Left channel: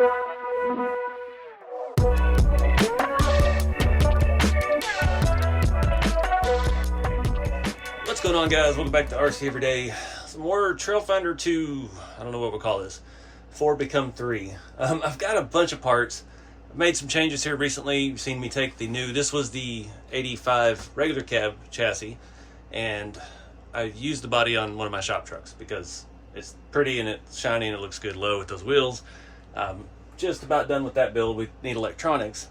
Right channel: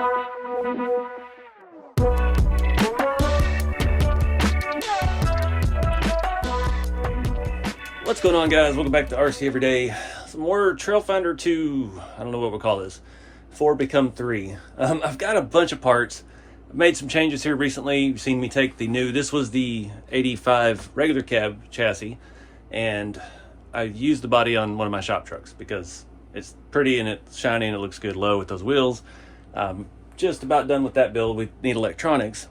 What's going on, guys? Welcome back to RC Everyday. Some more Trailfinder 2, I don't know what we'll call this, 4 become 3. I've got a bunch of parts. I've made some changes here recently. You've seen me take the new, this was the 85 regular cab chassis, and I used the body on one of my shop trucks because it's pretty and it's shiny and it looks good low with those wheels. Just about done with that build. We need electronics.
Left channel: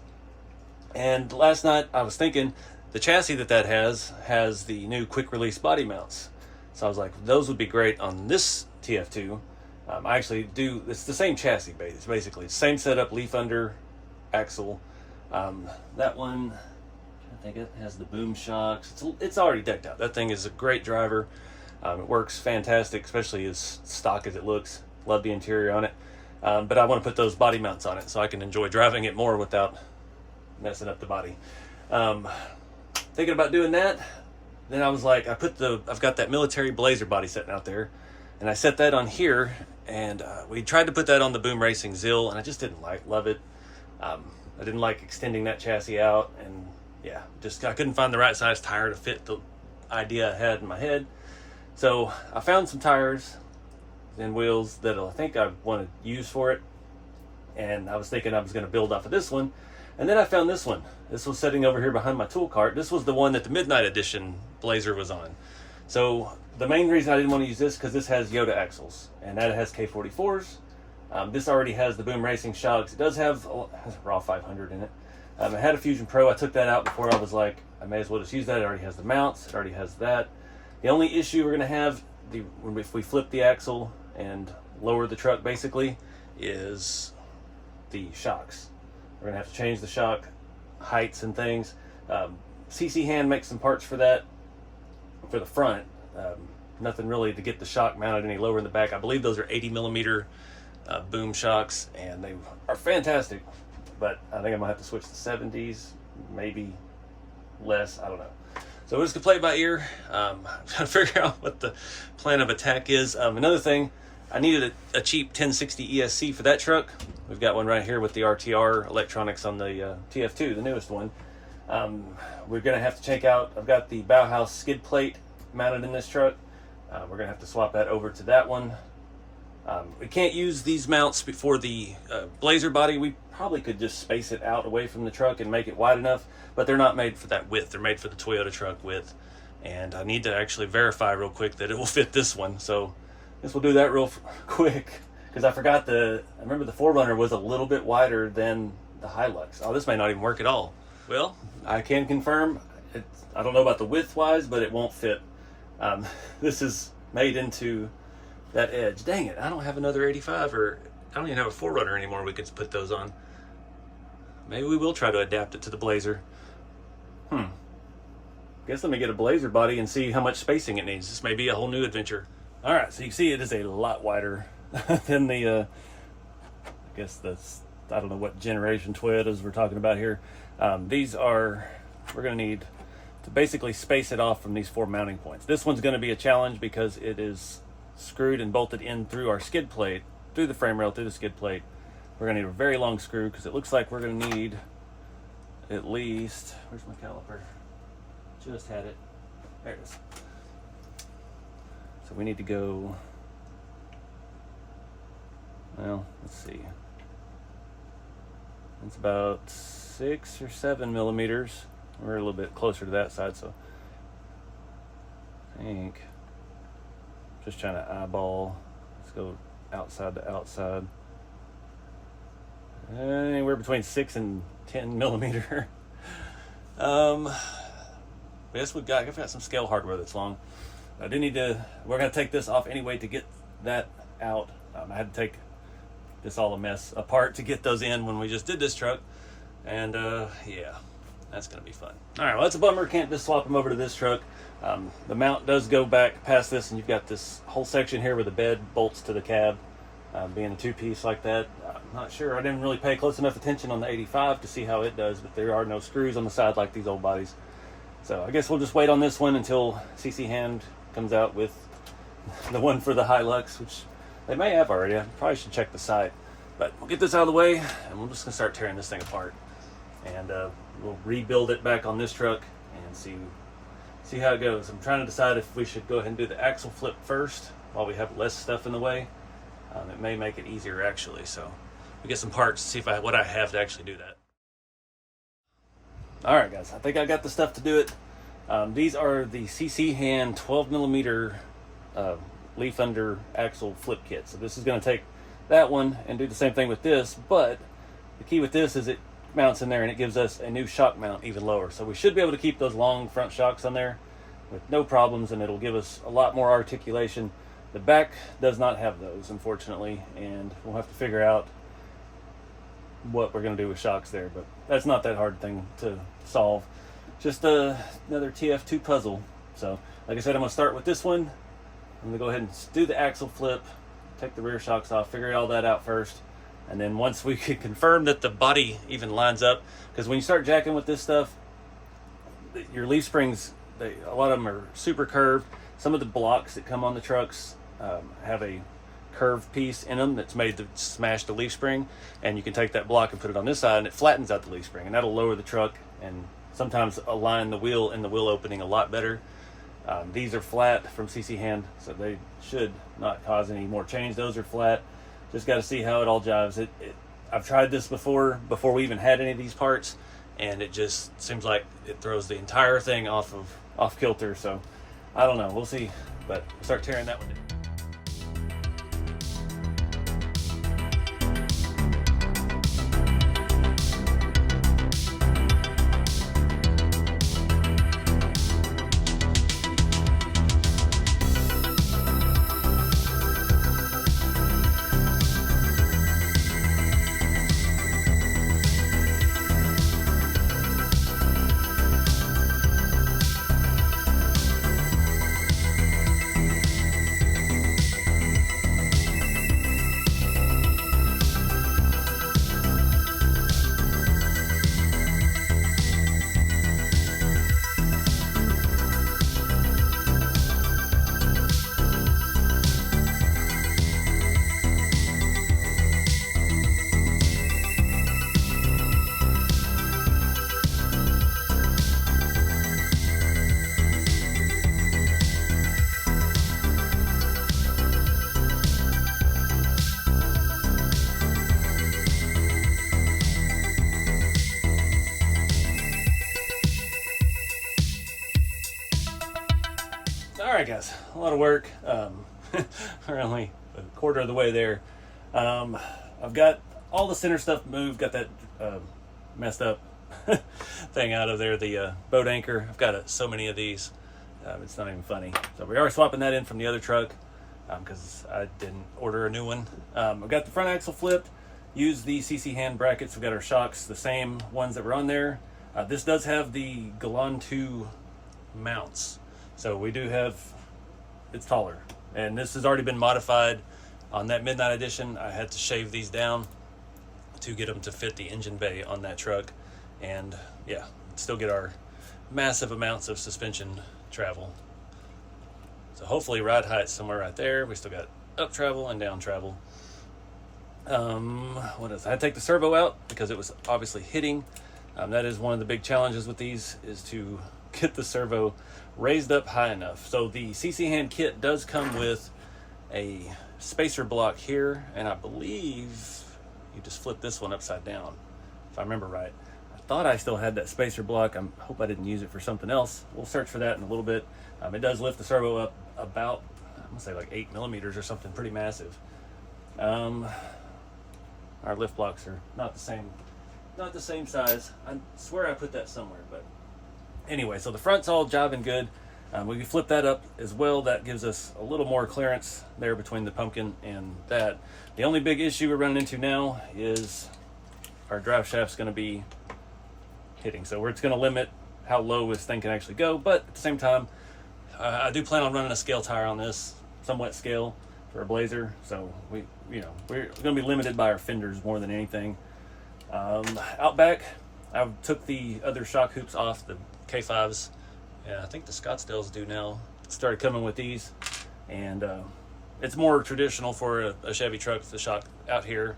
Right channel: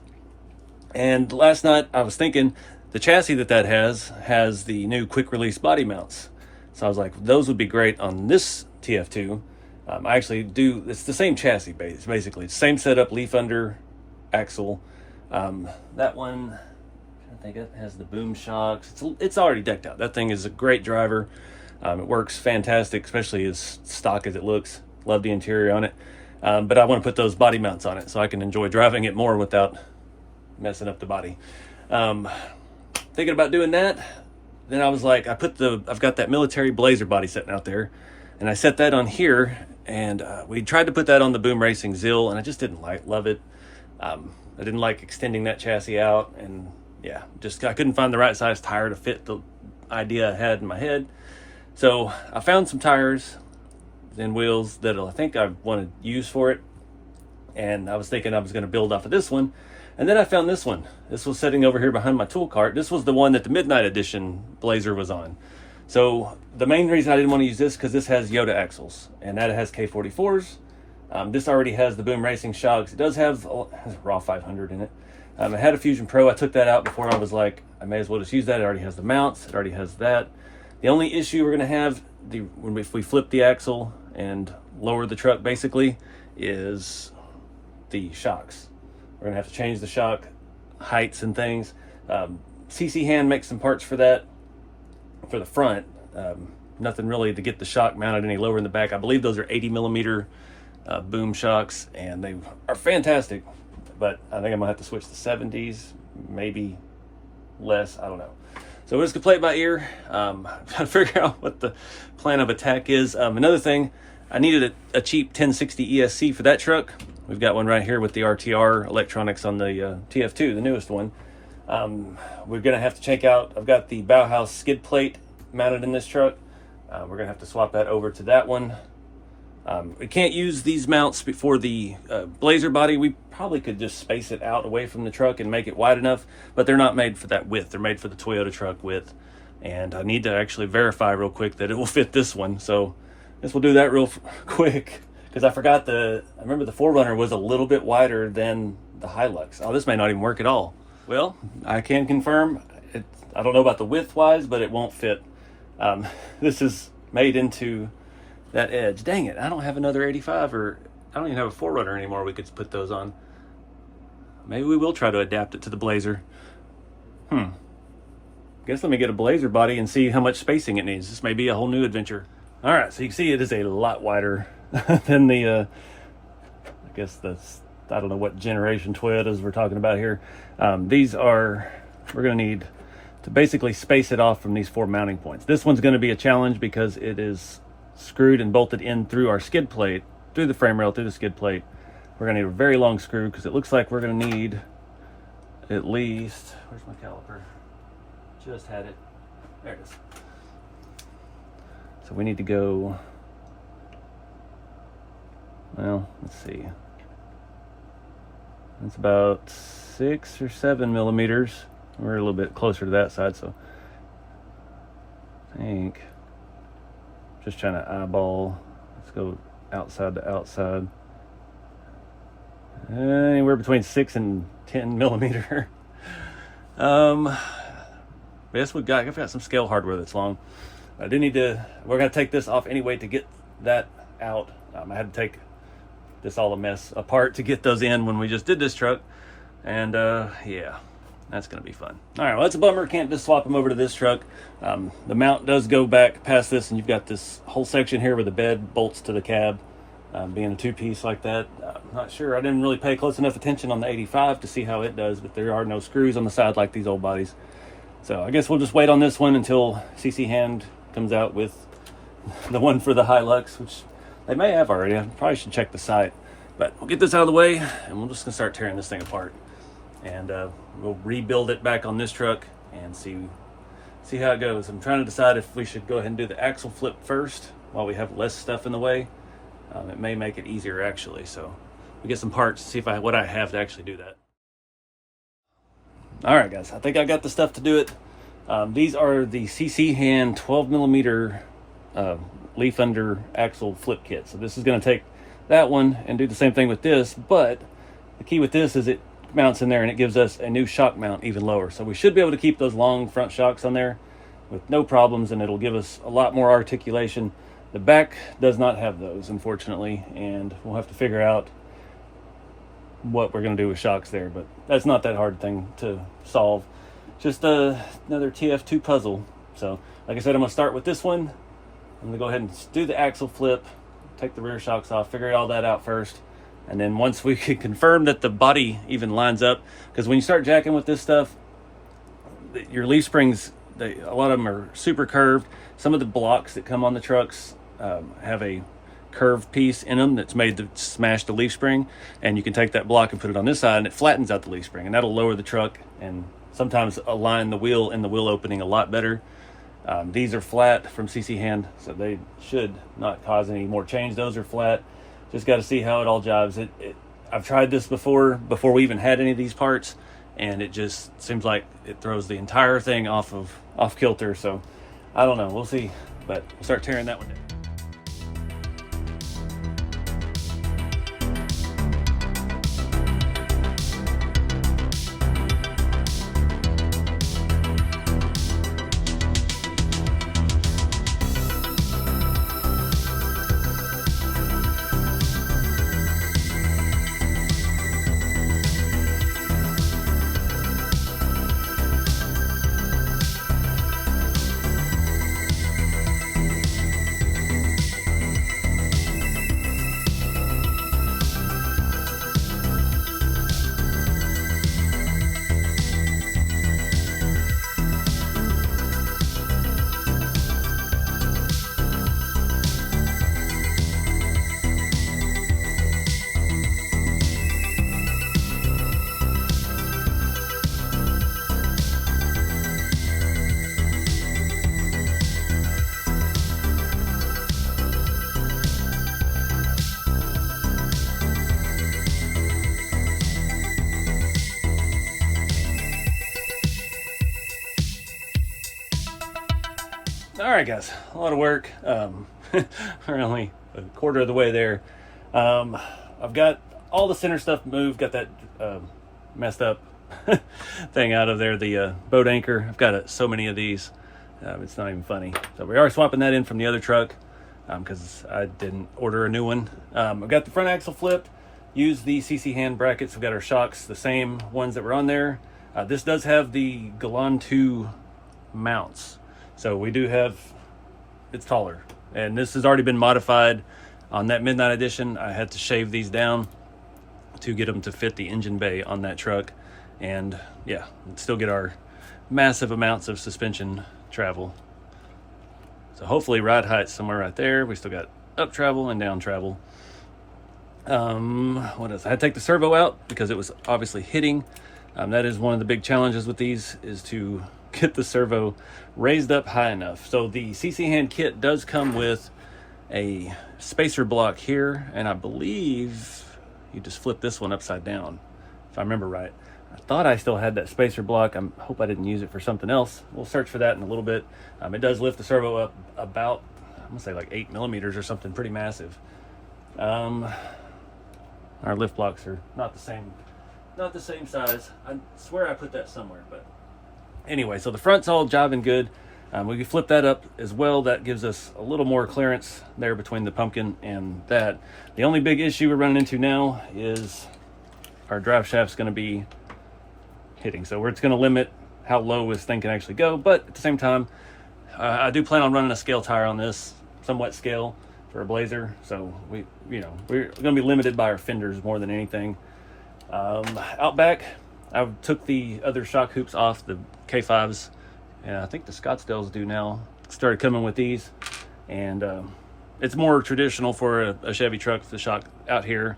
And last night I was thinking, the chassis that has the new quick release body mounts. So I was like, those would be great on this TF2. I actually do, it's the same chassis basically. Same setup, leaf under axle. That one, I think it has the boom shocks. It's already decked out. That thing is a great driver. It works fantastic, especially as stock as it looks. Love the interior on it. But I want to put those body mounts on it so I can enjoy driving it more without messing up the body. Thinking about doing that, then I was like, I've got that military Blazer body sitting out there, and I set that on here, and we tried to put that on the Boom Racing Zill, and I just didn't love it. I didn't like extending that chassis out, and yeah, I couldn't find the right size tire to fit the idea I had in my head. So I found some tires and wheels that I think I want to use for it, and I was thinking I was going to build off of this one. And then I found this one. This was sitting over here behind my tool cart. This was the one that the Midnight Edition Blazer was on. So the main reason I didn't want to use this because this has Yoda axles, and that has K44s. This already has the Boom Racing shocks. It does have a raw 500 in it. It had a Fusion Pro. I took that out before. I was like, I may as well just use that. It already has the mounts. It already has that. The only issue we're going to have if we flip the axle and lower the truck basically is the shocks. We're gonna have to change the shock heights and things. CC Hand makes some parts for that, for the front. Nothing really to get the shock mounted any lower in the back. I believe those are 80 millimeter boom shocks, and they are fantastic. But I think I'm gonna have to switch to 70s, maybe less, I don't know. So we're just gonna play it by ear, trying to figure out what the plan of attack is. Another thing, I needed a cheap 1060 ESC for that truck. We've got one right here with the RTR electronics on the TF2, the newest one. We're gonna have to check out, I've got the Bauhaus skid plate mounted in this truck. We're gonna have to swap that over to that one. We can't use these mounts before the Blazer body. We probably could just space it out away from the truck and make it wide enough, but they're not made for that width. They're made for the Toyota truck width. And I need to actually verify real quick that it will fit this one. So I guess we'll do that real quick, because I forgot I remember the 4Runner was a little bit wider than the Hilux. Oh, this may not even work at all. Well, I can confirm, I don't know about the width wise, but it won't fit. This is made into that edge. Dang it, I don't have another 85, or I don't even have a 4Runner anymore we could put those on. Maybe we will try to adapt it to the Blazer. Guess let me get a Blazer body and see how much spacing it needs. This may be a whole new adventure. All right, so you can see it is a lot wider than the, I guess I don't know what generation Toyotas we're talking about here. These are, we're gonna need to basically space it off from these 4 mounting points. This one's gonna be a challenge because it is screwed and bolted in through our skid plate, through the frame rail, through the skid plate. We're gonna need a very long screw because it looks like we're gonna need at least, where's my caliper? Just had it, there it is. So we need to go, well, let's see. It's about 6 or 7 millimeters. We're a little bit closer to that side, so I think just trying to eyeball. Let's go outside to outside. Anywhere between 6 and 10 millimeter. Yes, we've got some scale hardware that's long. I do need to, we're gonna take this off anyway to get that out. I had to take this all a mess apart to get those in when we just did this truck. And yeah, that's gonna be fun. All right, well, that's a bummer. Can't just swap them over to this truck. The mount does go back past this, and you've got this whole section here where the bed bolts to the cab, being a 2-piece like that. Not sure, I didn't really pay close enough attention on the 85 to see how it does, but there are no screws on the side like these old bodies. So I guess we'll just wait on this one until CC Hand comes out with the one for the Hilux, which they may have already. I probably should check the site. But we'll get this out of the way, and we're just gonna start tearing this thing apart. And we'll rebuild it back on this truck and see how it goes. I'm trying to decide if we should go ahead and do the axle flip first while we have less stuff in the way. It may make it easier actually. So we get some parts, see if what I have to actually do that. All right, guys, I think I got the stuff to do it. These are the CC Hand 12mm leaf under axle flip kit. So this is going to take that one and do the same thing with this, but the key with this is it mounts in there and it gives us a new shock mount even lower. So we should be able to keep those long front shocks on there with no problems, and it'll give us a lot more articulation. The back does not have those, unfortunately, and we'll have to figure out what we're going to do with shocks there, but that's not that hard thing to solve. Just another TF2 puzzle. So like I said, I'm going to start with this one. I'm going to go ahead and do the axle flip, take the rear shocks off, figure all that out first. And then once we can confirm that the body even lines up, because when you start jacking with this stuff, your leaf springs, a lot of them are super curved. Some of the blocks that come on the trucks have a curved piece in them that's made to smash the leaf spring, and you can take that block and put it on this side and it flattens out the leaf spring, and that'll lower the truck and sometimes align the wheel and the wheel opening a lot better. These are flat from CC Hand, so they should not cause any more change. Those are flat. Just got to see how it all jives. I've tried this before we even had any of these parts, and it just seems like it throws the entire thing off kilter. So I don't know, we'll see, but start tearing that one. All right, guys, a lot of work. We're only a quarter of the way there. I've got all the center stuff moved, got that messed up thing out of there, the boat anchor. I've got so many of these, it's not even funny. So we are swapping that in from the other truck because I didn't order a new one. I've got the front axle flipped, used the CC Hand brackets. We've got our shocks, the same ones that were on there. This does have the Galan 2 mounts. So we do have, it's taller, and this has already been modified. On that Midnight Edition, I had to shave these down to get them to fit the engine bay on that truck. And yeah, still get our massive amounts of suspension travel. So hopefully ride height somewhere right there. We still got up travel and down travel. What else? I had to take the servo out because it was obviously hitting. That is one of the big challenges with these, is to get the servo raised up high enough. So the CC Hand kit does come with a spacer block here, and I believe you just flip this one upside down, if I remember right. I thought I still had that spacer block. I hope I didn't use it for something else. We'll search for that in a little bit. It does lift the servo up about, I'm gonna say like 8 millimeters or something pretty massive. Our lift blocks are not the same size. I swear I put that somewhere, but anyway, so the front's all jobbing good. We can flip that up as well. That gives us a little more clearance there between the pumpkin and that. The only big issue we're running into now is our drive shaft's going to be hitting. So it's going to limit how low this thing can actually go. But at the same time, I do plan on running a scale tire on this, somewhat scale for a Blazer. So we're going to be limited by our fenders more than anything. Out back, I took the other shock hoops off, the K5s, and I think the Scottsdales do now. Started coming with these, and it's more traditional for a Chevy truck, the shock out here.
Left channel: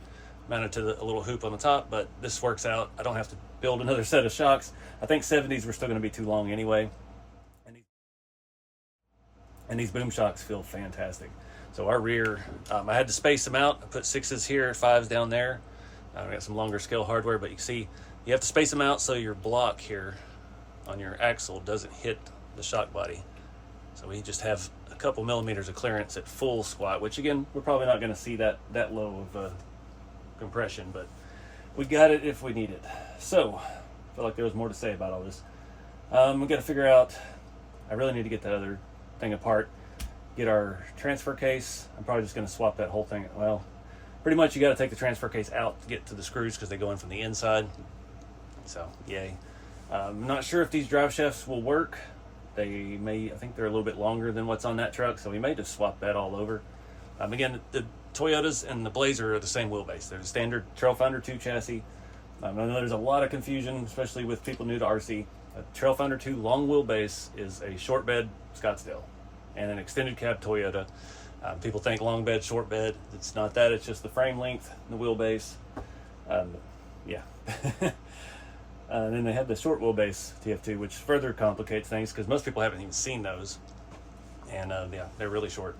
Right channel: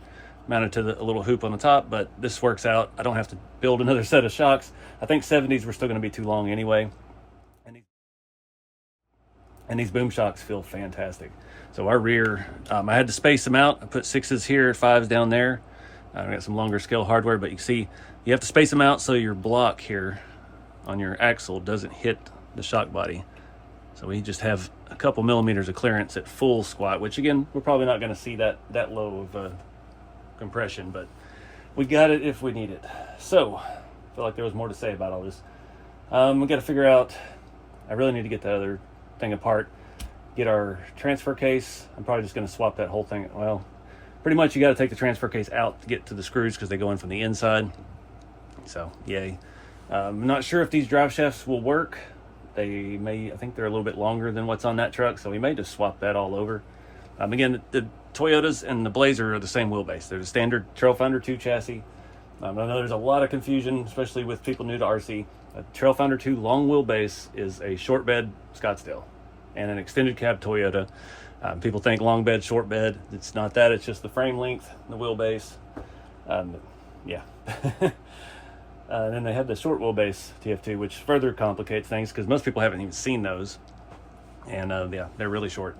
mounted to a little hoop on the top, but this works out. I don't have to build another set of shocks. I think 70s were still going to be too long anyway. And these boom shocks feel fantastic. So our rear, I had to space them out. I put 6s here, 5s down there. I got some longer scale hardware, but you can see you have to space them out so your block here on your axle doesn't hit the shock body. So we just have a couple millimeters of clearance at full squat, which again, we're probably not going to see that low of compression, but we got it if we need it. So I feel like there was more to say about all this. We got to figure out, I really need to get the other thing apart, get our transfer case. I'm probably just going to swap that whole thing. Well, pretty much you got to take the transfer case out to get to the screws because they go in from the inside. So yay. I'm not sure if these drive shafts will work. They may, I think they're a little bit longer than what's on that truck, so we may just swap that all over. Again, the Toyotas and the Blazer are the same wheelbase. They're the standard Trailfinder 2 chassis. I know there's a lot of confusion, especially with people new to RC. A Trailfinder 2 long wheelbase is a short bed Scottsdale and an extended cab Toyota. People think long bed, short bed. It's not that. It's just the frame length, the wheelbase. Yeah. And then they have the short wheelbase TF2, which further complicates things because most people haven't even seen those. And yeah, they're really short.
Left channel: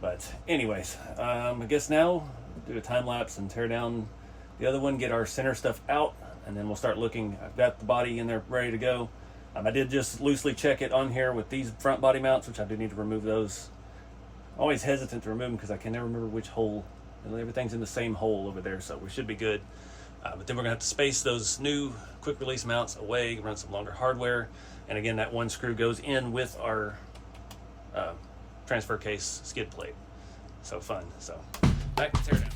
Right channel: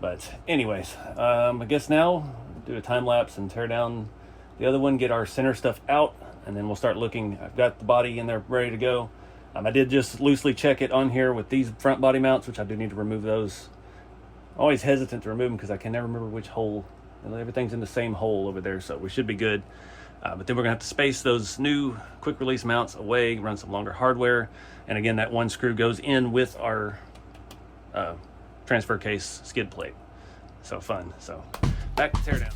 But anyways, I guess now we'll do a time lapse and tear down the other one, get our center stuff out, and then we'll start looking. I've got the body in there ready to go. I did just loosely check it on here with these front body mounts, which I do need to remove those. I'm always hesitant to remove them because I can never remember which hole. Everything's in the same hole over there, so we should be good. But then we're gonna have to space those new quick release mounts away, run some longer hardware. And again, that one screw goes in with our transfer case skid plate. So fun. So back to teardown.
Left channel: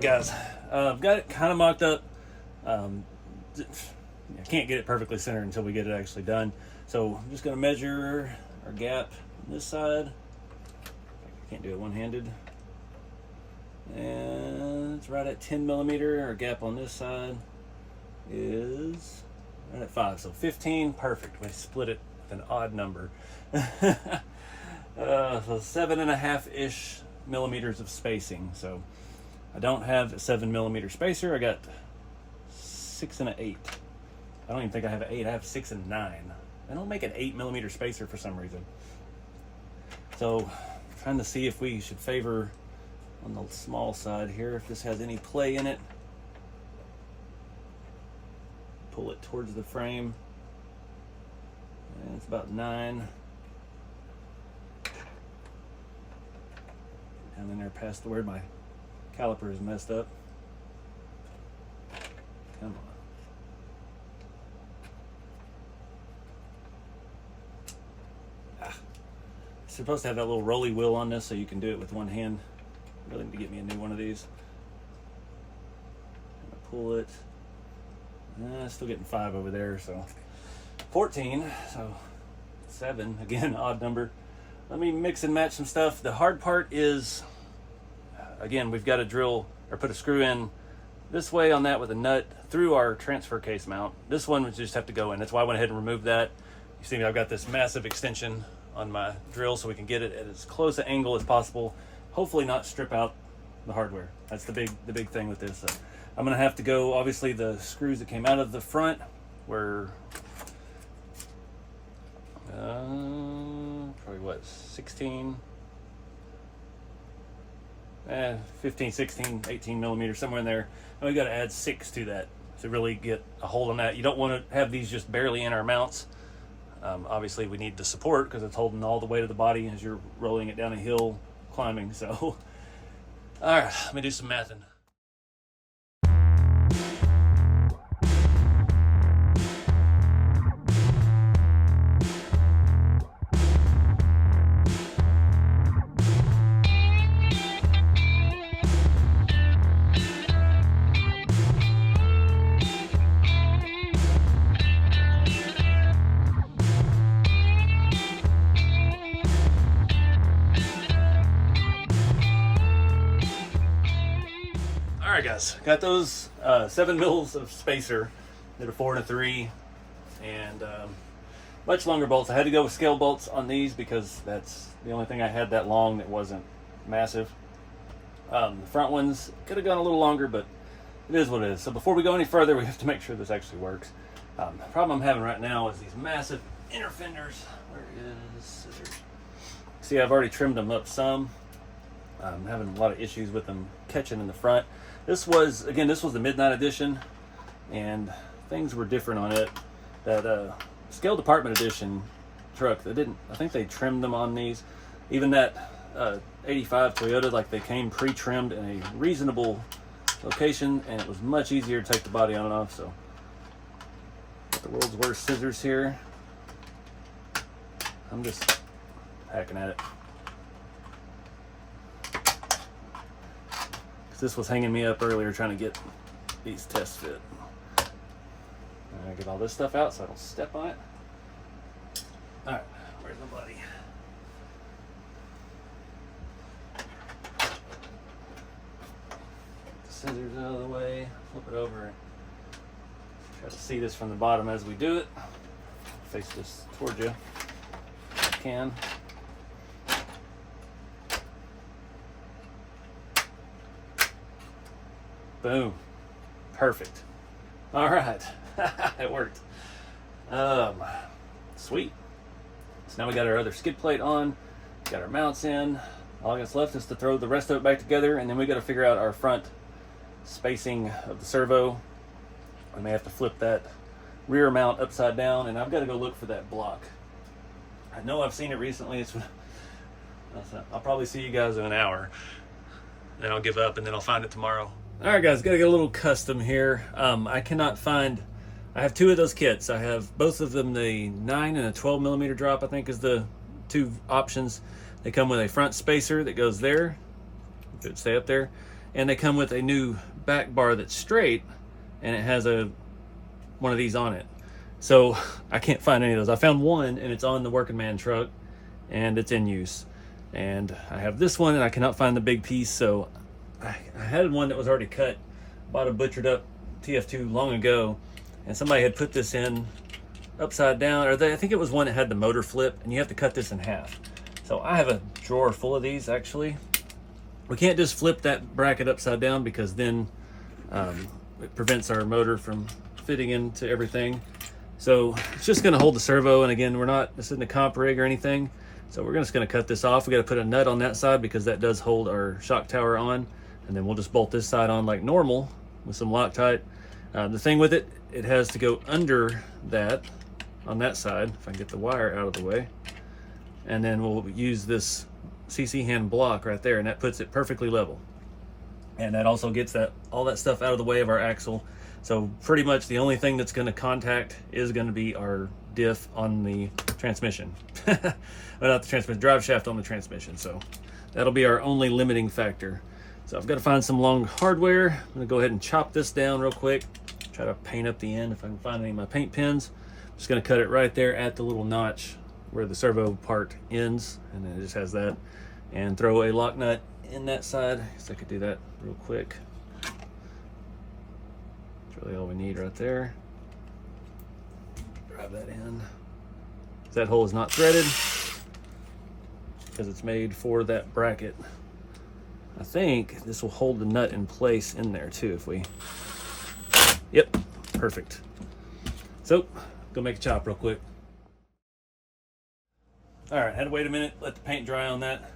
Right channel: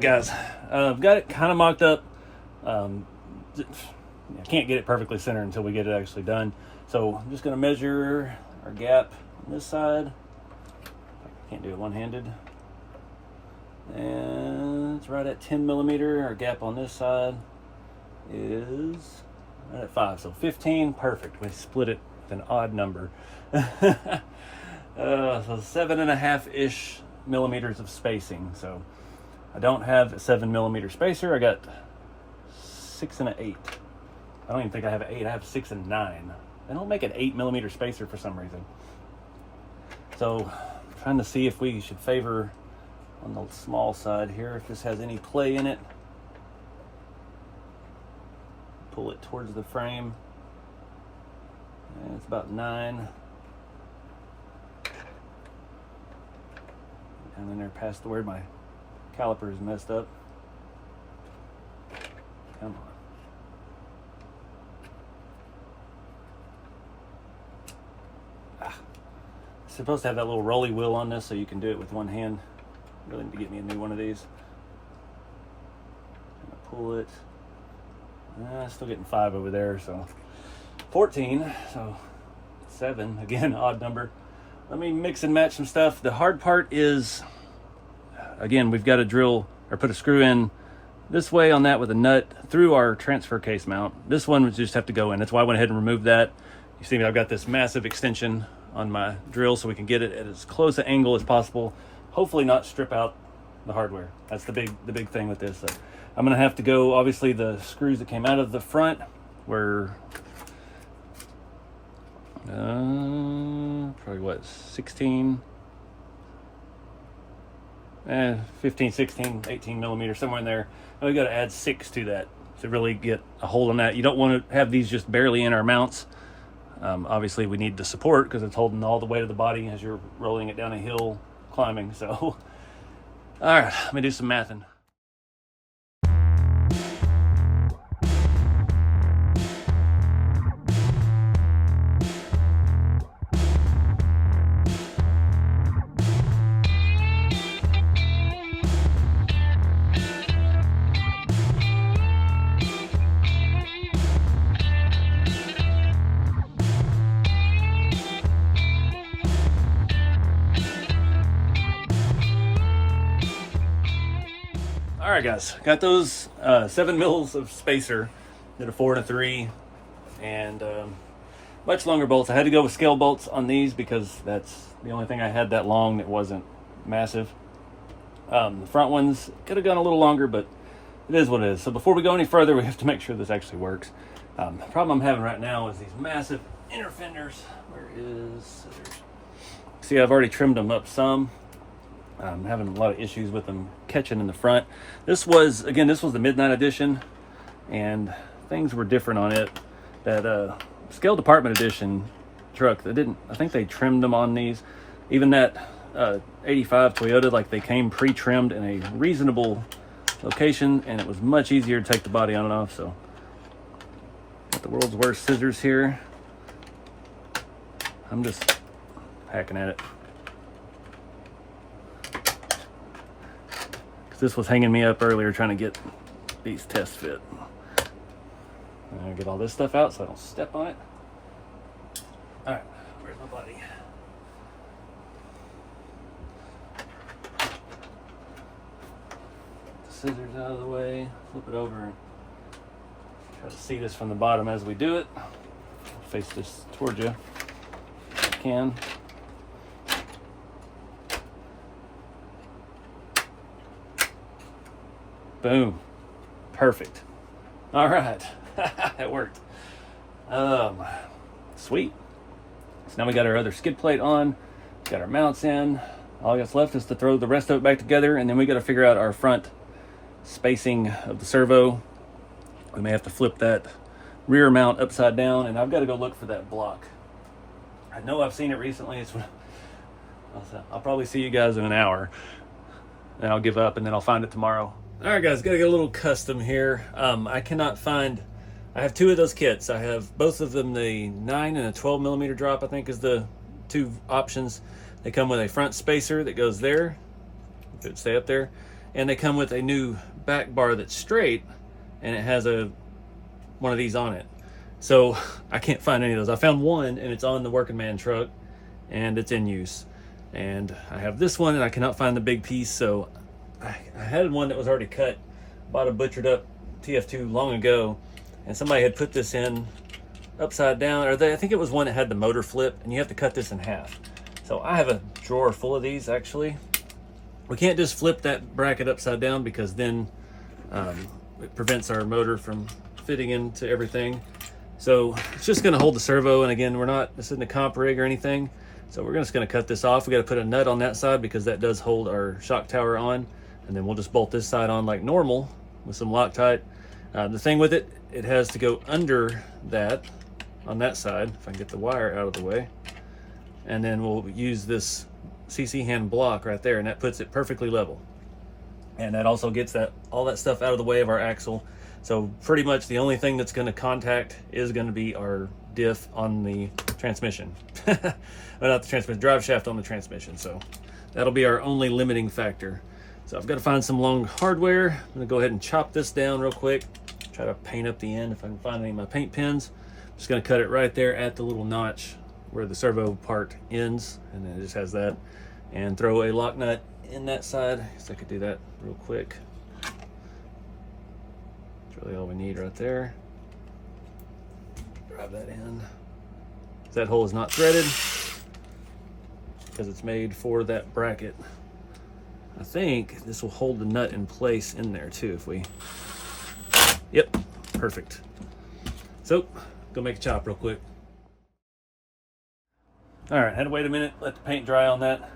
Guys, I've got it kind of mocked up. I can't get it perfectly centered until we get it actually done. So I'm just going to measure our gap on this side. I can't do it one-handed. And it's right at 10 millimeter. Our gap on this side is right at 5. So 15, perfect. We split it with an odd number. So 7.5-ish millimeters of spacing. So I don't have a 7 millimeter spacer. I got 6 and an 8. I don't even think I have an 8. I have 6 and 9. I don't make an 8 millimeter spacer for some reason. So I'm trying to see if we should favor on the small side here, if this has any play in it. Pull it towards the frame. And it's about 9. Down in there past where my caliper is messed up. Come on. It's supposed to have that little rolly wheel on this so you can do it with one hand. Really need to get me a new one of these. I'm gonna pull it. Still getting 5 over there, so 14. So 7 again, odd number. Let me mix and match some stuff. The hard part is, again, we've got to drill or put a screw in this way on that with a nut through our transfer case mount. This one we just have to go in. That's why I went ahead and removed that. You see me, I've got this massive extension on my drill so we can get it at as close an angle as possible. Hopefully not strip out the hardware. That's the big thing with this. So I'm gonna have to go, obviously the screws that came out of the front were probably what, 16, 15, 16, 18 millimeters, somewhere in there. And we got to add 6 to that to really get a hold on that. You don't want to have these just barely in our mounts. Obviously we need the support because it's holding all the weight of the body as you're rolling it down a hill climbing. So all right, let me do some mathing. guys, got those 7 mils of spacer, did a 4 and a 3, and much longer bolts. I had to go with scale bolts on these because that's the only thing I had that long that wasn't massive. The front ones could have gone a little longer, but it is what it is. So before we go any further, we have to make sure this actually works. The problem I'm having right now is these massive inner fenders. Where is scissors? See, I've already trimmed them up some. I'm having a lot of issues with them catching in the front. This was the Midnight Edition, and things were different on it. That Scale Department Edition truck, I think they trimmed them on these. Even that 85 Toyota, like they came pre-trimmed in a reasonable location, and it was much easier to take the body on and off. So, got the world's worst scissors here. I'm just hacking at it. This was hanging me up earlier trying to get these tests fit. I'm gonna get all this stuff out so I don't step on it. All right, where's my body? The scissors out of the way, flip it over. Try to see this from the bottom as we do it. Face this towards you if I can. Boom. Perfect. All right. It worked. Sweet. So now we got our other skid plate on, got our mounts in. All that's left is to throw the rest of it back together, and then we got to figure out our front spacing of the servo. We may have to flip that rear mount upside down, and I've got to go look for that block. I know I've seen it recently. I'll probably see you guys in an hour, and I'll give up, and then I'll find it tomorrow. All right, guys, gotta get a little custom here. I have 2 of those kits. I have both of them, the 9 and a 12 millimeter drop, I think is the 2 options. They come with a front spacer that goes there, it should stay up there, and they come with a new back bar that's straight, and it has one of these on it. So I can't find any of those. I found one, and it's on the working man truck, and it's in use. And I have this one, and I cannot find the big piece, so I had one that was already cut, bought a butchered up TF2 long ago, and somebody had put this in upside down, I think it was one that had the motor flip, and you have to cut this in half. So I have a drawer full of these, actually. We can't just flip that bracket upside down because then it prevents our motor from fitting into everything. So it's just gonna hold the servo, and again, this isn't a comp rig or anything, so we're just gonna cut this off. We gotta put a nut on that side because that does hold our shock tower on. And then we'll just bolt this side on like normal with some Loctite. The thing with it, it has to go under that on that side, if I can get the wire out of the way. And then we'll use this CC hand block right there, and that puts it perfectly level. And that also gets all that stuff out of the way of our axle. So pretty much the only thing that's gonna contact is gonna be our diff on the transmission. Well, not the transmission, drive shaft on the transmission. So that'll be our only limiting factor. So I've got to find some long hardware. I'm gonna go ahead and chop this down real quick. Try to paint up the end if I can find any of my paint pins. I'm just gonna cut it right there at the little notch where the servo part ends, and then it just has that. And throw a lock nut in that side. I guess I could do that real quick. That's really all we need right there. Drive that in. That hole is not threaded because it's made for that bracket. I think this will hold the nut in place in there too if we... Yep, perfect. So, go make a chop real quick. All right, had to wait a minute, let the paint dry on that.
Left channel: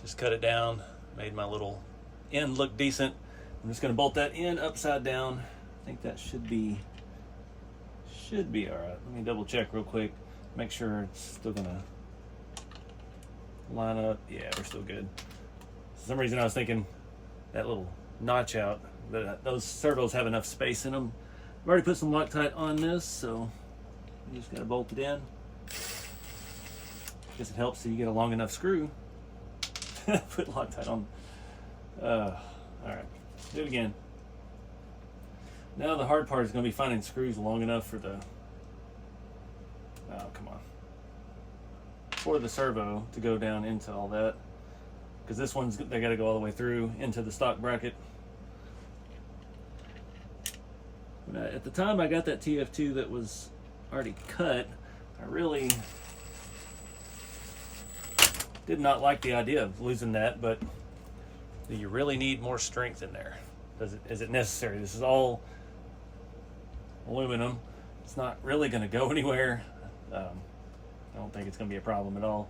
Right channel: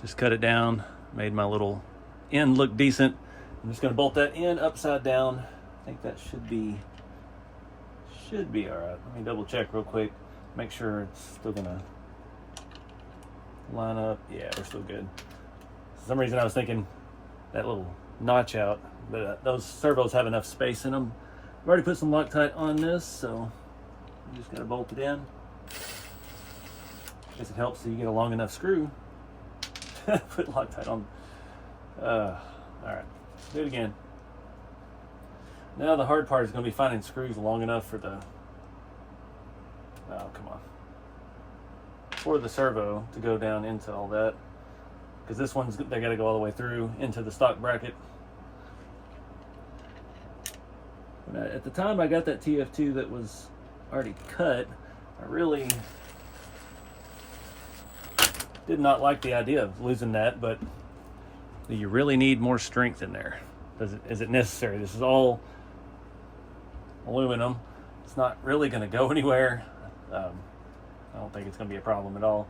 Just cut it down, made my little end look decent. I'm just gonna bolt that in upside down. I think that should be all right. Let me double check real quick, make sure it's still gonna line up. Yeah, we're still good. For some reason I was thinking that little notch out, but those servos have enough space in them. I've already put some Loctite on this, so you just gotta bolt it in. Guess it helps so you get a long enough screw. Put Loctite on. All right, do it again. Now the hard part is gonna be finding screws long enough for the, oh, come on. For the servo to go down into all that. Because this one's, they got to go all the way through into the stock bracket. At the time I got that TF2 that was already cut, I really did not like the idea of losing that, but do you really need more strength in there? Is it necessary? This is all aluminum. It's not really going to go anywhere. I don't think it's going to be a problem at all.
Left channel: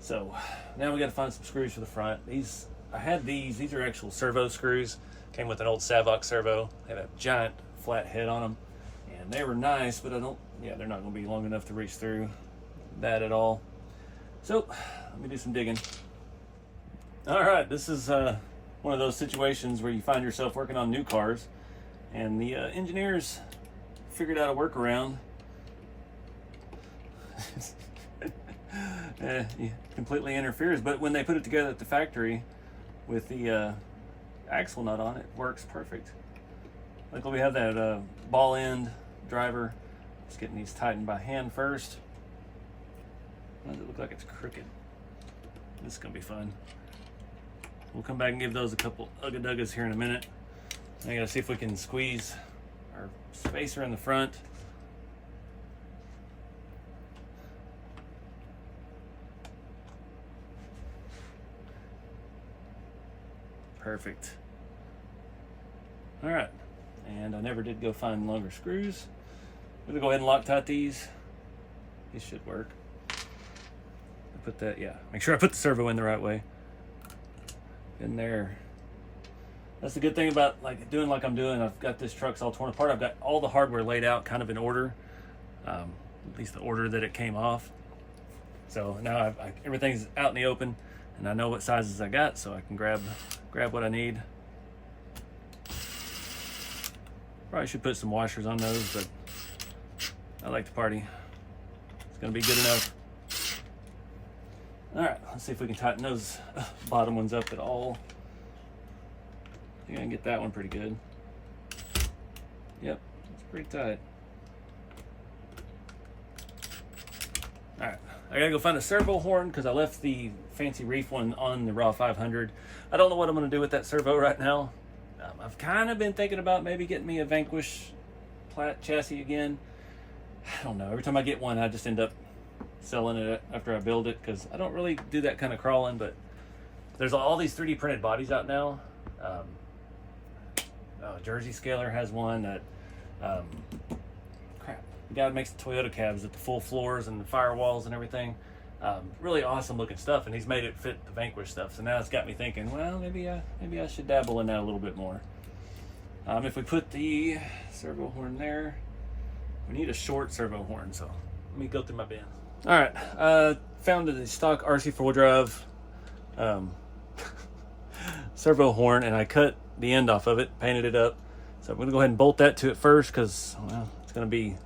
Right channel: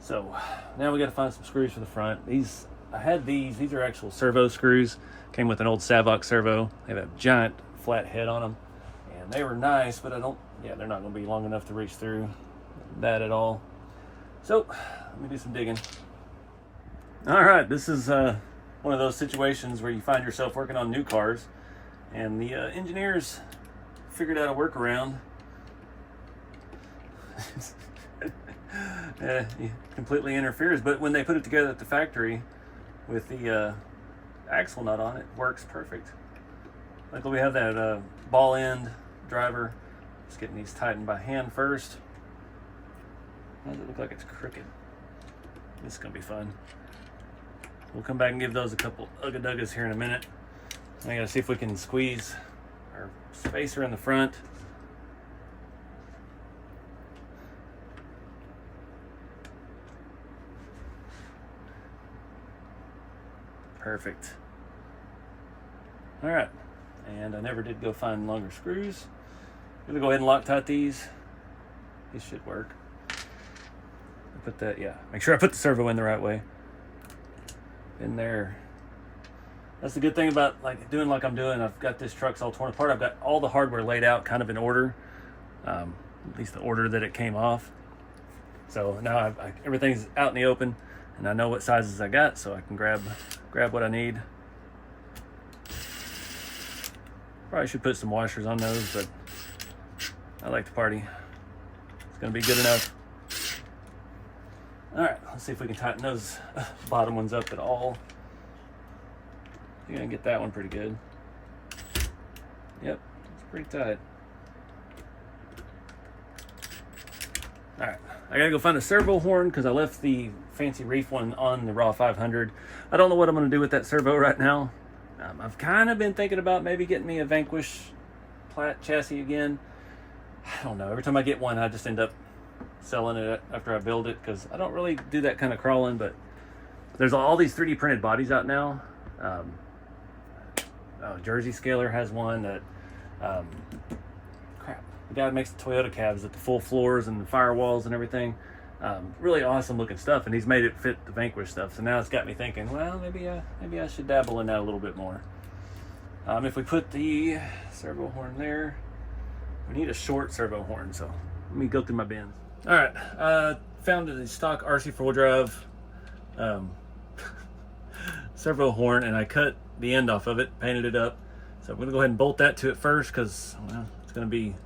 So now we got to find some screws for the front. I had these are actual servo screws. Came with an old Savox servo. They have a giant flat head on them, and they were nice, but they're not going to be long enough to reach through that at all. So let me do some digging. All right, this is one of those situations where you find yourself working on new cars, and the engineers figured out a workaround. It completely interferes, but when they put it together at the factory with the axle nut on, it works perfect. Like we have that ball end driver. Just getting these tightened by hand first. Why does it look like it's crooked? This is gonna be fun. We'll come back and give those a couple ugga-duggas here in a minute. I gotta see if we can squeeze our spacer in the front. Perfect. All right, and I never did go find longer screws. I'm gonna go ahead and Loctite these. These should work. Put that, make sure I put the servo in the right way. In there. That's the good thing about doing like I'm doing. I've got this truck's all torn apart. I've got all the hardware laid out kind of in order, at least the order that it came off. So now everything's out in the open, and I know what sizes I got, so I can grab what I need. Probably should put some washers on those, but I like to party. It's gonna be good enough. All right, let's see if we can tighten those bottom ones up at all. I think I can get that one pretty good. Yep, it's pretty tight. All right, I gotta go find a servo horn because I left the fancy reef one on the Raw 500. I don't know what I'm gonna do with that servo right now. I've kind of been thinking about maybe getting me a Vanquish Platt chassis again. I don't know, every time I get one, I just end up selling it after I build it because I don't really do that kind of crawling. But there's all these 3D printed bodies out now. Jersey Scaler has one that the guy that makes the Toyota cabs with the full floors and the firewalls and everything. Really awesome looking stuff, and he's made it fit the Vanquish stuff. So now it's got me thinking, well, maybe I should dabble in that a little bit more. If we put the servo horn there, we need a short servo horn, so let me go through my bins. All right, found a stock RC 4-drive servo horn, and I cut the end off of it, painted it up. So I'm gonna go ahead and bolt that to it first because, well, it's gonna be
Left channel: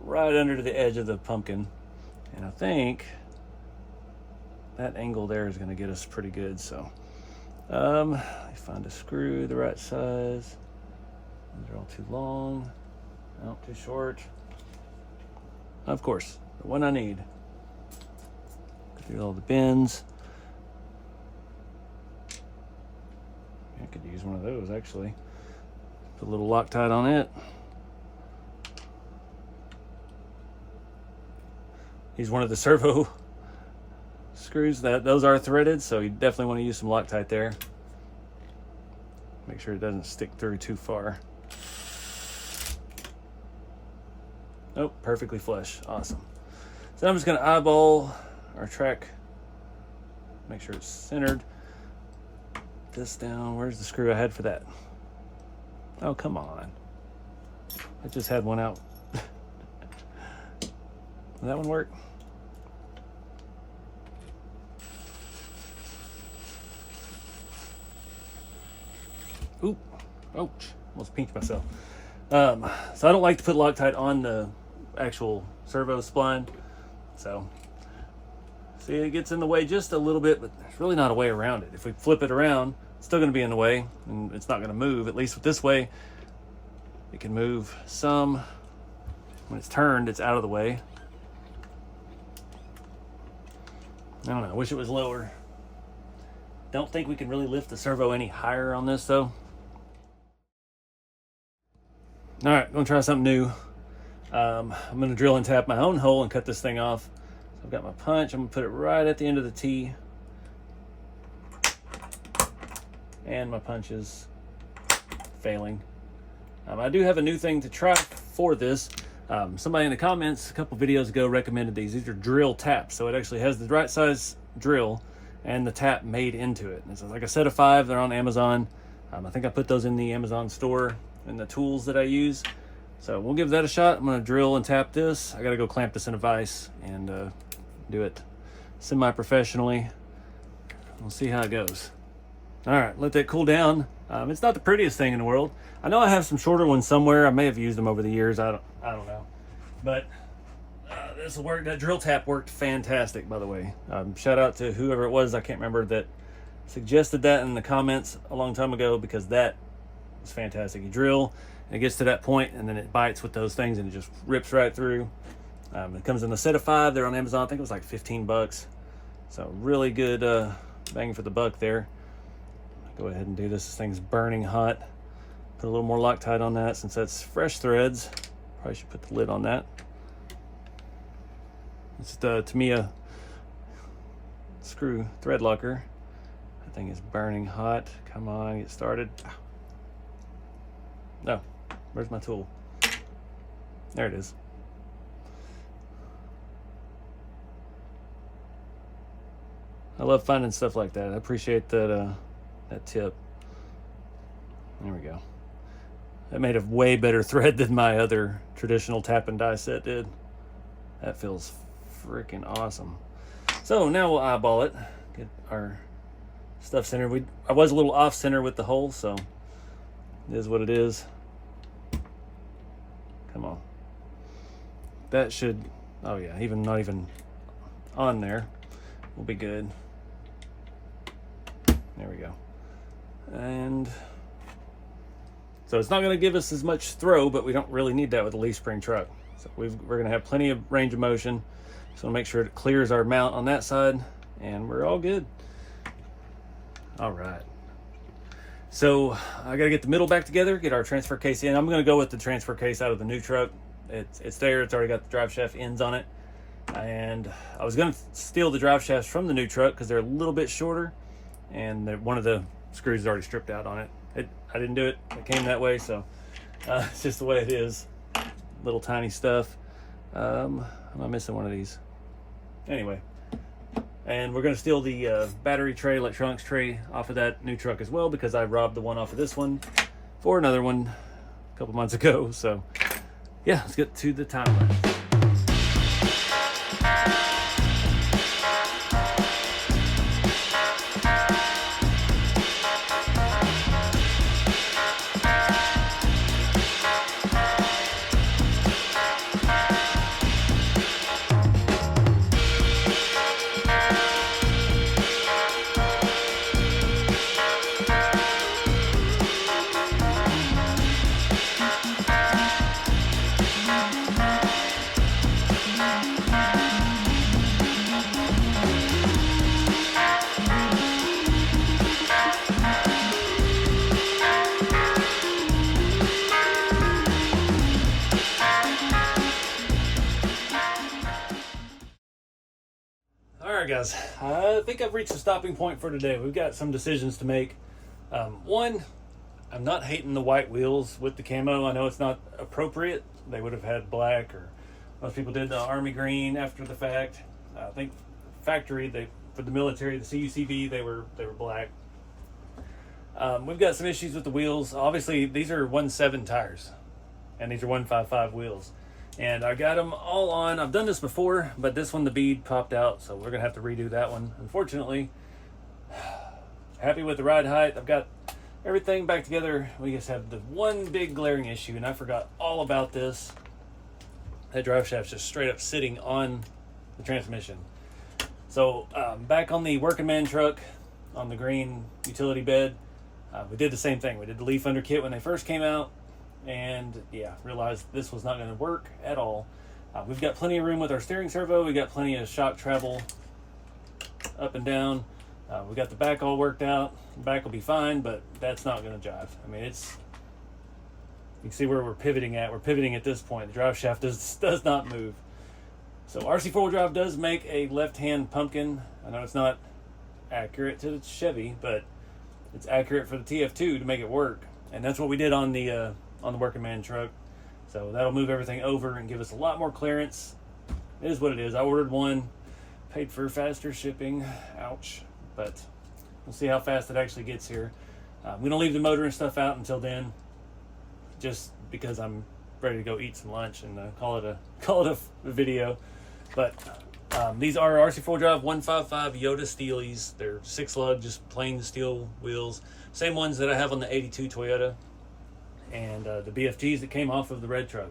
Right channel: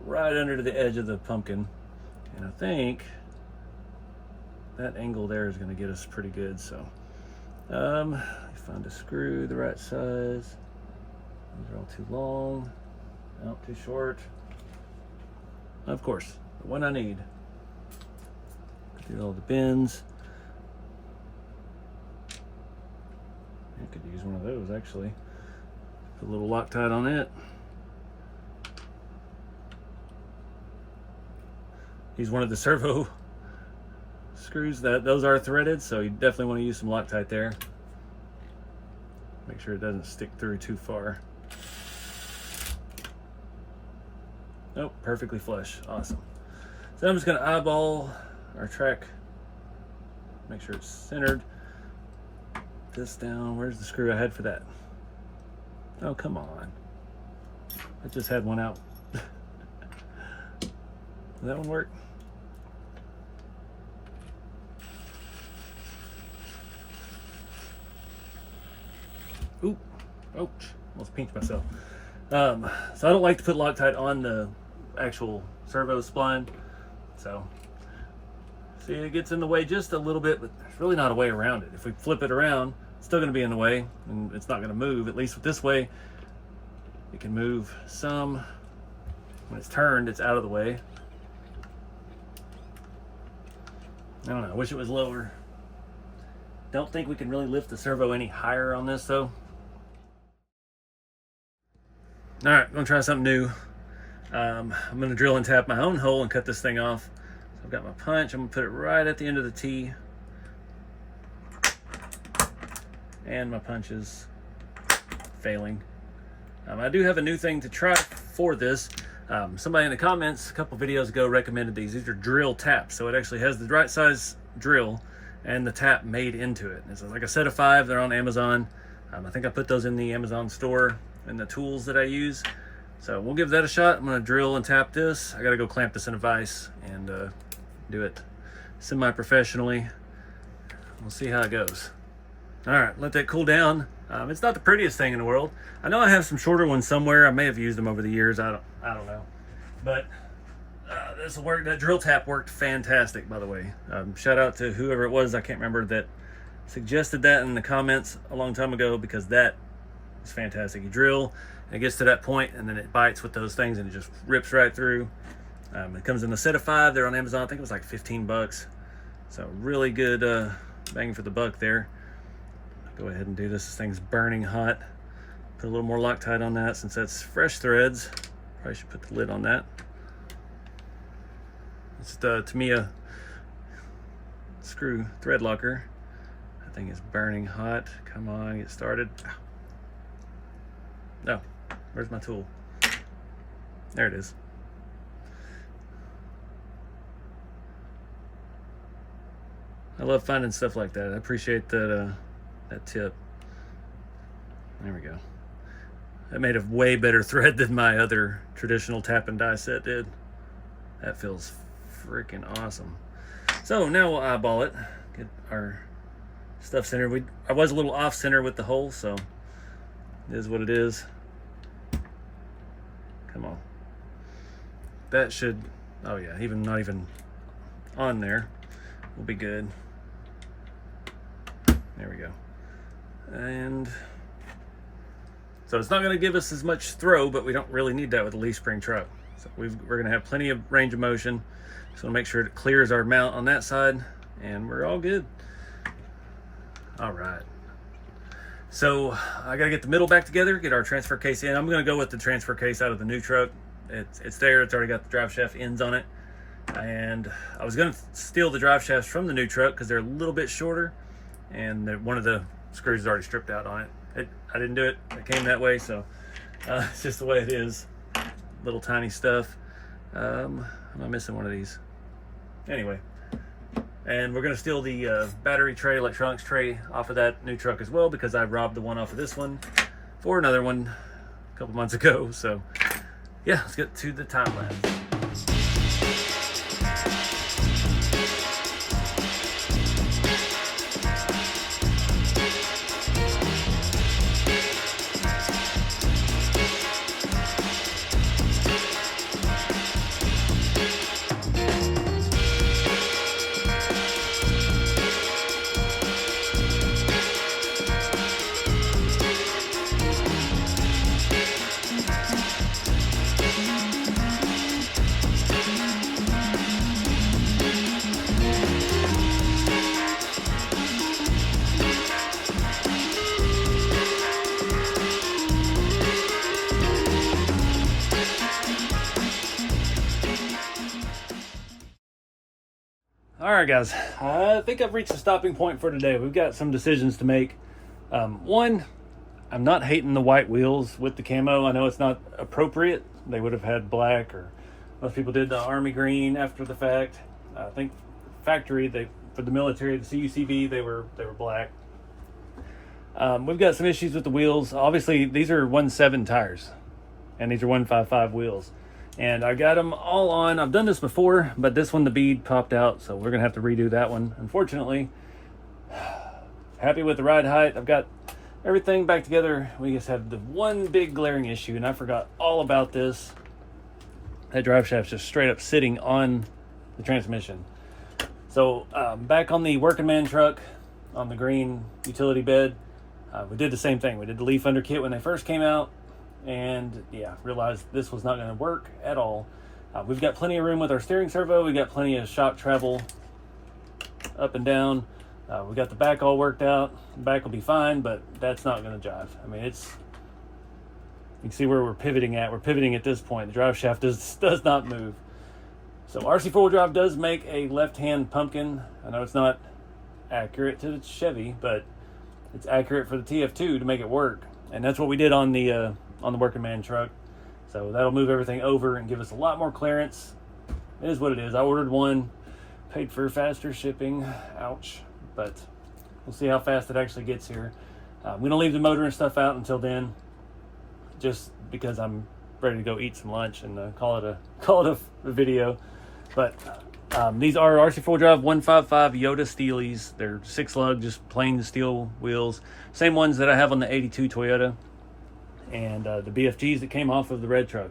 right under the edge of the pumpkin. And I think that angle there is gonna get us pretty good. So find a screw the right size. These are all too long, no, too short. Of course, the one I need. Through all the bins. I could use one of those actually. Put a little Loctite on it. Use one of the servo screws. Those are threaded, so you definitely want to use some Loctite there. Make sure it doesn't stick through too far. Oh, perfectly flush. Awesome. So I'm just going to eyeball our track. Make sure it's centered. This down. Where's the screw I had for that? Oh, come on. I just had one out. Did that one work? Ooh, ouch, almost pinched myself. So I don't like to put Loctite on the actual servo spline. So, see, it gets in the way just a little bit, but there's really not a way around it. If we flip it around, it's still gonna be in the way, and it's not gonna move. At least with this way, it can move some. When it's turned, it's out of the way. I don't know, I wish it was lower. Don't think we can really lift the servo any higher on this though. All right, I'm gonna try something new. I'm gonna drill and tap my own hole and cut this thing off. So I've got my punch. I'm gonna put it right at the end of the T. And my punch is failing. I do have a new thing to try for this. Somebody in the comments a couple videos ago recommended these. These are drill taps. So it actually has the right size drill and the tap made into it. It's like a set of 5. They're on Amazon. I think I put those in the Amazon store and the tools that I use. So we'll give that a shot. I'm gonna drill and tap this. I gotta go clamp this in a vise and do it semi-professionally. We'll see how it goes. All right, let that cool down. It's not the prettiest thing in the world. I know I have some shorter ones somewhere. I may have used them over the years. I don't know. But this will work. That drill tap worked fantastic, by the way. Shout out to whoever it was, I can't remember, that suggested that in the comments a long time ago, because that is fantastic. You drill, and it gets to that point, and then it bites with those things, and it just rips right through. It comes in a set of 5. They're on Amazon. I think it was like 15 bucks. So really good bang for the buck there. Go ahead and do this. This thing's burning hot. Put a little more Loctite on that since that's fresh threads. Probably should put the lid on that. It's the Tamiya screw thread locker. That thing is burning hot. Come on, get started. No, where's my tool? There it is. I love finding stuff like that. I appreciate that that tip. There we go. That made a way better thread than my other traditional tap and die set did. That feels freaking awesome. So now we'll eyeball it, get our stuff centered. I was a little off center with the hole, so it is what it is. Come on. That should, oh yeah, not even on there. We'll be good. There we go. And so it's not going to give us as much throw, but we don't really need that with a leaf spring truck. So we're going to have plenty of range of motion. So we'll make sure it clears our mount on that side, and we're all good. All right. So I got to get the middle back together, get our transfer case in. I'm going to go with the transfer case out of the new truck. It's there. It's already got the drive shaft ends on it. And I was going to steal the drive shafts from the new truck because they're a little bit shorter, and one of the screws is already stripped out on it. I didn't do it. It came that way, so it's just the way it is. Little tiny stuff. Am I missing one of these? Anyway, and we're going to steal the battery tray, electronics tray off of that new truck as well, because I robbed the one off of this one for another one a couple months ago. So yeah, let's get to the time lapse. Alright guys, I think I've reached the stopping point for today. We've got some decisions to make. One, I'm not hating the white wheels with the camo. I know it's not appropriate. They would have had black, or most people did the army green after the fact. I think factory, for the military, the CUCV, they were black. We've got some issues with the wheels. Obviously, these are 1.7 tires, and these are 1.55 wheels. And I got them all on. I've done this before, but this one the bead popped out, so we're gonna have to redo that one, unfortunately. Happy with the ride height. I've got everything back together. We just have the one big glaring issue, and I forgot all about this. That drive shaft's just straight up sitting on the transmission. So back on the working man truck, on the green utility bed, we did the same thing. We did the leaf under kit when they first came out. And yeah, realized this was not going to work at all. We've got plenty of room with our steering servo. We got plenty of shock travel up and down. We got the back all worked out. The back will be fine, but that's not going to jive. I mean, You can see where we're pivoting at. We're pivoting at this point. The drive shaft does not move. So RC four-wheel drive does make a left-hand pumpkin. I know it's not accurate to the Chevy, but it's accurate for the TF2 to make it work. And that's what we did on the working man truck. So that'll move everything over and give us a lot more clearance. It is what it is. I ordered one, paid for faster shipping. Ouch. But we'll see how fast it actually gets here. We don't leave the motor and stuff out until then, just because I'm ready to go eat some lunch and call it a video. But these are RC4 Drive 155 Yoda Steelies. They're 6-lug, just plain steel wheels. Same ones that I have on the 82 Toyota and the BFGs that came off of the red truck.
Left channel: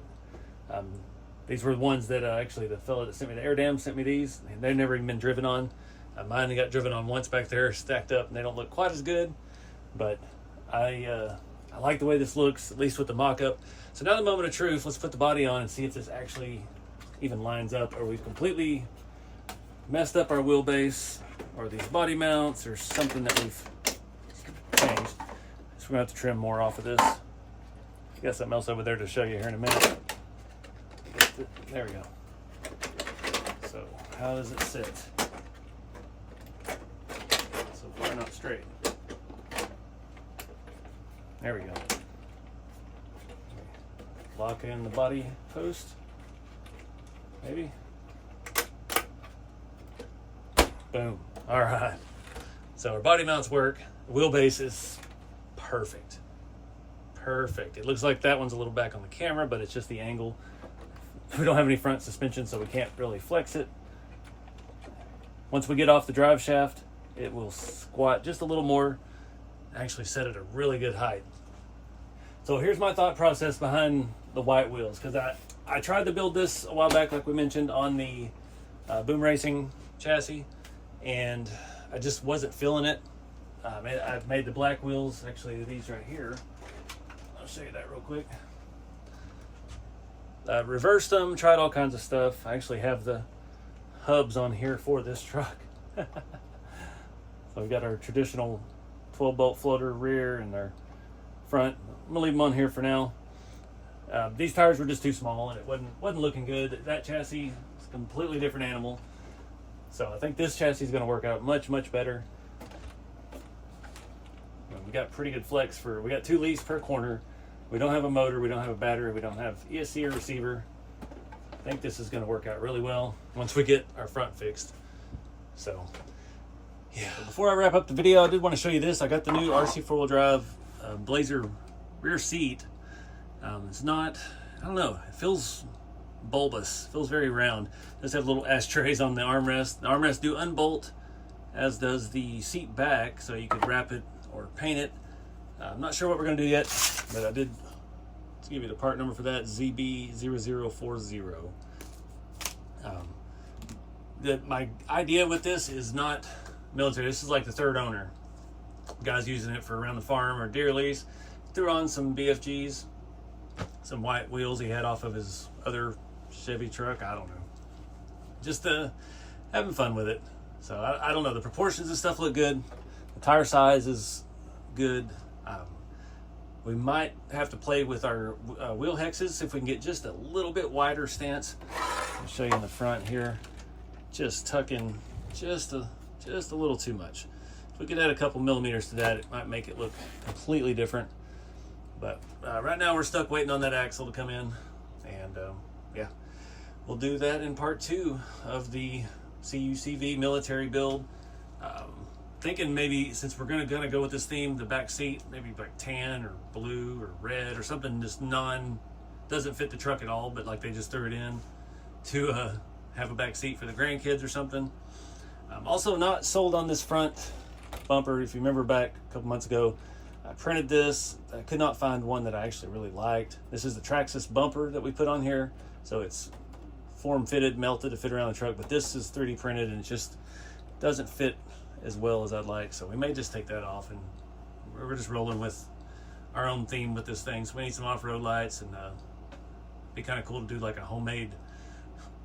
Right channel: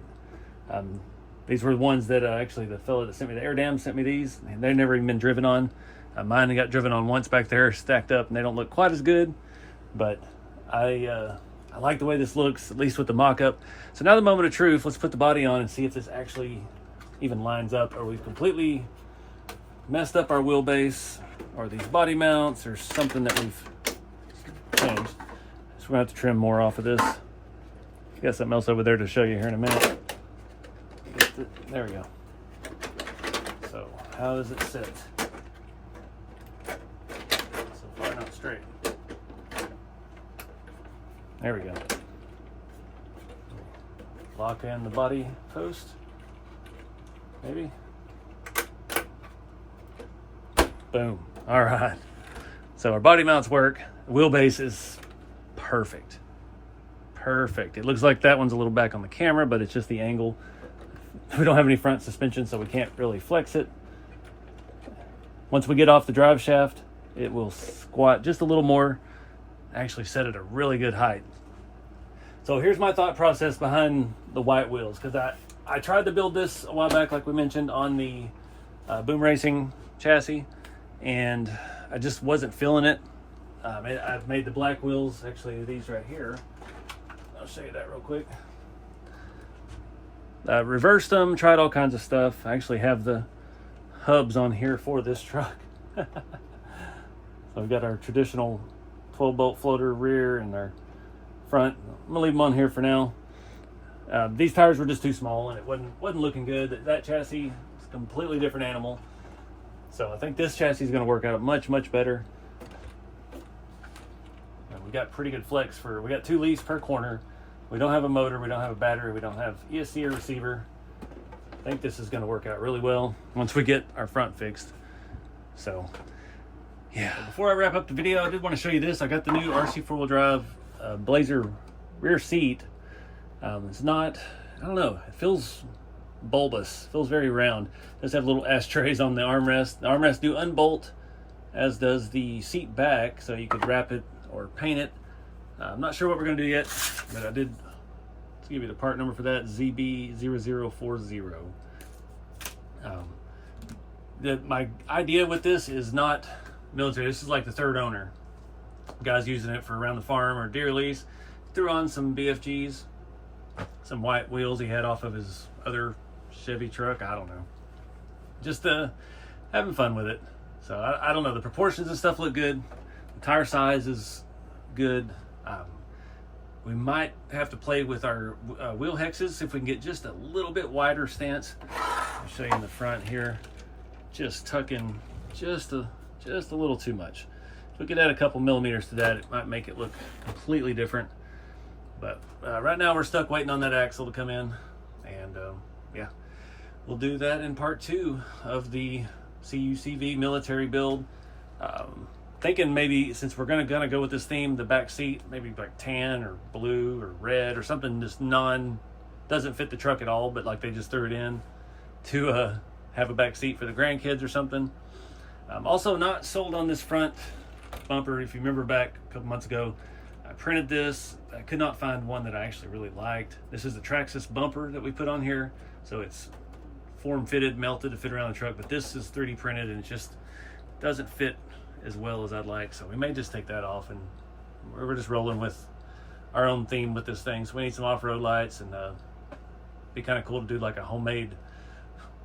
These were the ones that actually the fella that sent me the air dam sent me these. And they've never even been driven on. Mine got driven on once back there, stacked up, and they don't look quite as good. But I like the way this looks, at least with the mock-up. So now the moment of truth, let's put the body on and see if this actually even lines up, or we've completely messed up our wheelbase, or these body mounts, or something that we've changed. So we're gonna have to trim more off of this. Got something else over there to show you here in a minute. There we go. So how does it sit? So far not straight. There we go. Lock in the body post. Maybe. Boom. All right. So our body mounts work. The wheelbase is perfect. Perfect. It looks like that one's a little back on the camera, but it's just the angle. We don't have any front suspension, so we can't really flex it. Once we get off the drive shaft, it will squat just a little more. Actually set at a really good height. So here's my thought process behind the white wheels, because I tried to build this a while back, like we mentioned, on the Boom Racing chassis, and I just wasn't feeling it. I've made the black wheels, actually these right here. I'll show you that real quick. Reversed them, tried all kinds of stuff. I actually have the hubs on here for this truck. So we've got our traditional 12-bolt floater rear and our front. I'm gonna leave them on here for now. These tires were just too small and it wasn't looking good. That chassis is a completely different animal. So I think this chassis is gonna work out much, much better. We got pretty good flex we got 2 leads per corner. We don't have a motor, we don't have a battery, we don't have ESC or receiver. I think this is gonna work out really well once we get our front fixed. So yeah, before I wrap up the video, I did want to show you this. I got the new RC four-wheel drive Blazer rear seat. It's not, I don't know, it feels bulbous, feels very round. It does have little ashtrays on the armrest. The armrests do unbolt, as does the seat back, so you could wrap it or paint it. I'm not sure what we're going to do yet, but I did, let's give you the part number for that, ZB0040. My idea with this is not military. This is like the third owner. The guy's using it for around the farm or deer lease. Threw on some BFGs, some white wheels he had off of his other Chevy truck. I don't know. Just having fun with it. So I don't know. The proportions and stuff look good. The tire size is good. We might have to play with our wheel hexes if we can get just a little bit wider stance. I'll show you in the front here. Just tucking just a little too much. If we could add a couple millimeters to that, it might make it look completely different. But right now we're stuck waiting on that axle to come in. And yeah, we'll do that in part 2 of the CUCV military build. Thinking maybe, since we're gonna go with this theme, the back seat, maybe like tan or blue or red or something just doesn't fit the truck at all, but like they just threw it in to have a back seat for the grandkids or something. Also not sold on this front bumper. If you remember back a couple months ago, I printed this. I could not find one that I actually really liked. This is the Traxxas bumper that we put on here. So it's form fitted, melted to fit around the truck, but this is 3D printed and it just doesn't fit as well as I'd like. So we may just take that off, and we're just rolling with our own theme with this thing. So we need some off-road lights, and be kind of cool to do like a homemade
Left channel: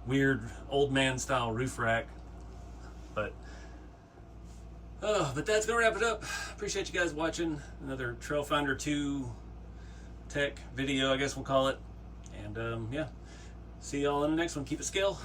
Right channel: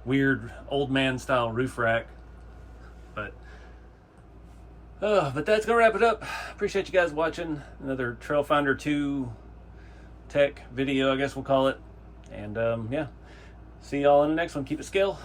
weird old man style roof rack. But that's gonna wrap it up. Appreciate you guys watching another Trailfinder 2 tech video, I guess we'll call it. And yeah, see y'all in the next one. Keep it scale.